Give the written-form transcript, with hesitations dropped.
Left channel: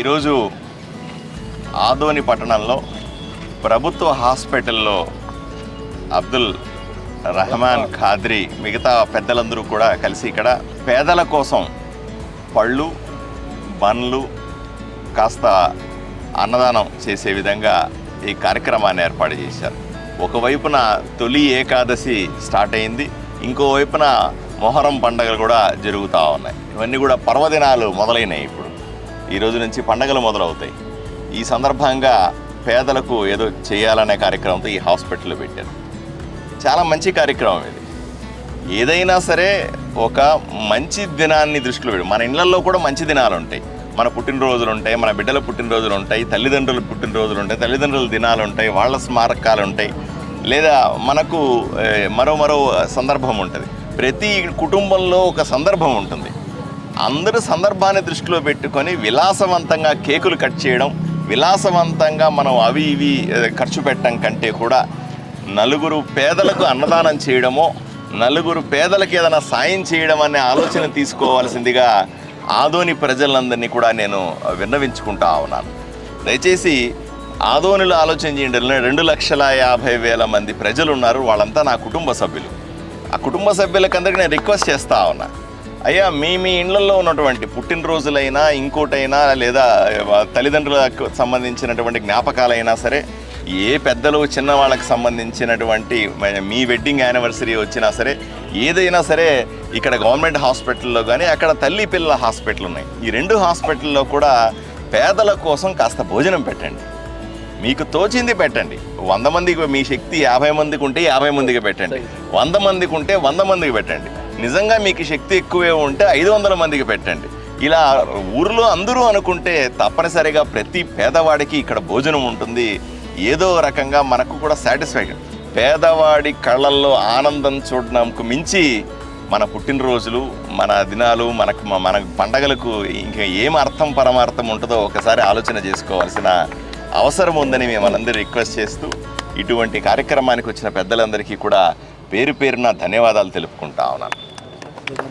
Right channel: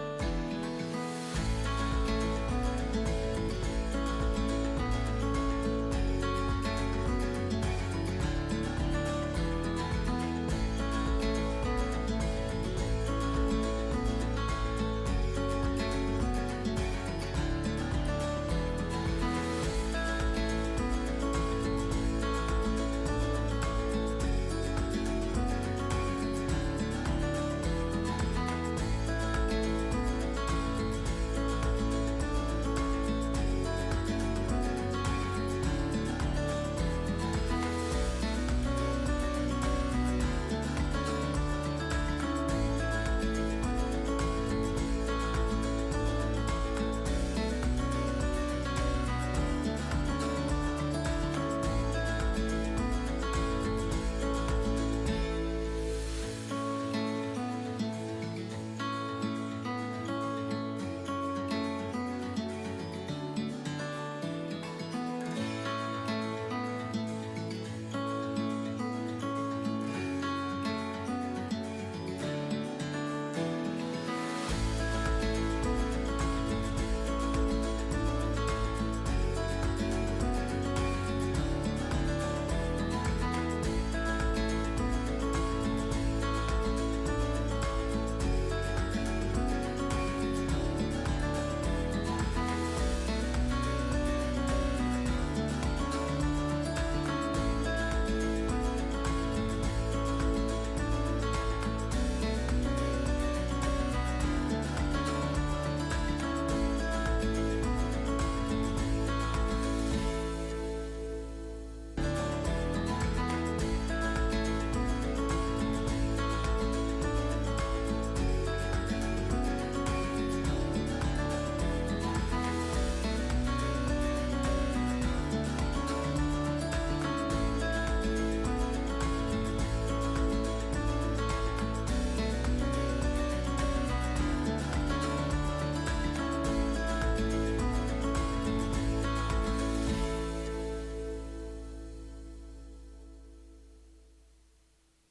ఈరోజు ఆదోని పట్టణంలో ప్రభుత్వ హాస్పిటల్లో అబ్దుల్ రహమాన్ ఖాద్రి మిగతా పెద్దలందరూ కూడా కలిసి ఇక్కడ పేదల కోసం పళ్ళు బండ్లు కాస్త అన్నదానం చేసే విధంగా ఈ కార్యక్రమాన్ని ఏర్పాటు చేశారు. ఒకవైపున తొలి ఏకాదశి స్టార్ట్ అయింది, ఇంకోవైపున మొహరం పండుగలు కూడా జరుగుతూ ఉన్నాయి. ఇవన్నీ కూడా పర్వదినాలు మొదలైనవి. ఇప్పుడు ఈ రోజు నుంచి పండుగలు మొదలవుతాయి. ఈ సందర్భంగా పేదలకు ఏదో చేయాలనే కార్యక్రమంతో ఈ హాస్పిటల్ పెట్టారు. చాలా మంచి కార్యక్రమం ఇది. ఏదైనా సరే ఒక మంచి దినాన్ని దృష్టిలో పెట్టి, మన ఇళ్లలో కూడా మంచి దినాలు ఉంటాయి. మన పుట్టినరోజులు ఉంటాయి, మన బిడ్డల పుట్టినరోజులు ఉంటాయి, తల్లిదండ్రుల పుట్టినరోజులు ఉంటాయి, తల్లిదండ్రుల దినాలు ఉంటాయి, వాళ్ళ స్మారకాలు ఉంటాయి, లేదా మనకు మరో సందర్భం ఉంటుంది. ప్రతి కుటుంబంలో ఒక సందర్భం ఉంటుంది. అందరూ సందర్భాన్ని దృష్టిలో పెట్టుకొని విలాసవంతంగా కేకులు కట్ చేయడం, విలాసవంతంగా మనం అవి ఇవి ఖర్చు పెట్టడం కంటే కూడా నలుగురు పేదలకు అన్నదానం చేయడమో, నలుగురు పేదలకు ఏదైనా సాయం చేయడం అనే ఆలోచన తీసుకోవాల్సిందిగా ఆదోని ప్రజలందరినీ కూడా నేను విన్నవించుకుంటా ఉన్నాను. దయచేసి ఆదోనిలో ఆలోచన చేయండి. 2,50,000 మంది ప్రజలు ఉన్నారు. వాళ్ళంతా నా కుటుంబ సభ్యులు. ఆ కుటుంబ సభ్యులకందరికీ నేను రిక్వెస్ట్ చేస్తూ ఉన్నా, అయ్యా మీ ఇళ్లలో ఉన్నటువంటి పుట్టినరోజులైనా ఇంకోటైనా లేదా తల్లిదండ్రులకు సంబంధించినటువంటి జ్ఞాపకాలైనా సరే, ఏ పెద్దలు చిన్న వాళ్ళకి సంబంధించినటువంటి మీ వెడ్డింగ్ యానివర్సరీ వచ్చినా సరే, ఏదైనా సరే ఇక్కడ గవర్నమెంట్ హాస్పిటల్లో కానీ అక్కడ తల్లి పిల్లల హాస్పిటల్ ఉన్నాయి. ఈ 2 హాస్పిటల్లో కూడా పేదల కోసం కాస్త భోజనం పెట్టండి. మీకు తోచింది పెట్టండి. 100 మందికి, మీ శక్తి 50 మందికి ఉంటే 50 మందికి పెట్టండి, 100 మందికి ఉంటే 100 మందికి పెట్టండి. నిజంగా మీకు శక్తి ఎక్కువే ఉంటే 500 మందికి పెట్టండి. ఇలా ఊరిలో అందరూ అనుకుంటే తప్పనిసరిగా ప్రతి పేదవాడికి ఇక్కడ భోజనం ఉంటుంది. ఏదో రకంగా మనకు కూడా సాటిస్ఫైడ్. పేదవాడి కళ్ళల్లో ఆనందం చూడడానికి మించి మన పుట్టినరోజులు, మన దినాలు, మన పండగలకు ఇంకా ఏం అర్థం పరమార్థం ఉంటుందో ఒకసారి ఆలోచన చేసుకోవాల్సిన అవసరం ఉందని మిమ్మల్ని రిక్వెస్ట్ చేస్తూ, ఇటువంటి కార్యక్రమానికి వచ్చిన పెద్దలందరికీ కూడా పేరు పేరున ధన్యవాదాలు తెలుపుకుంటా ఉన్నాను.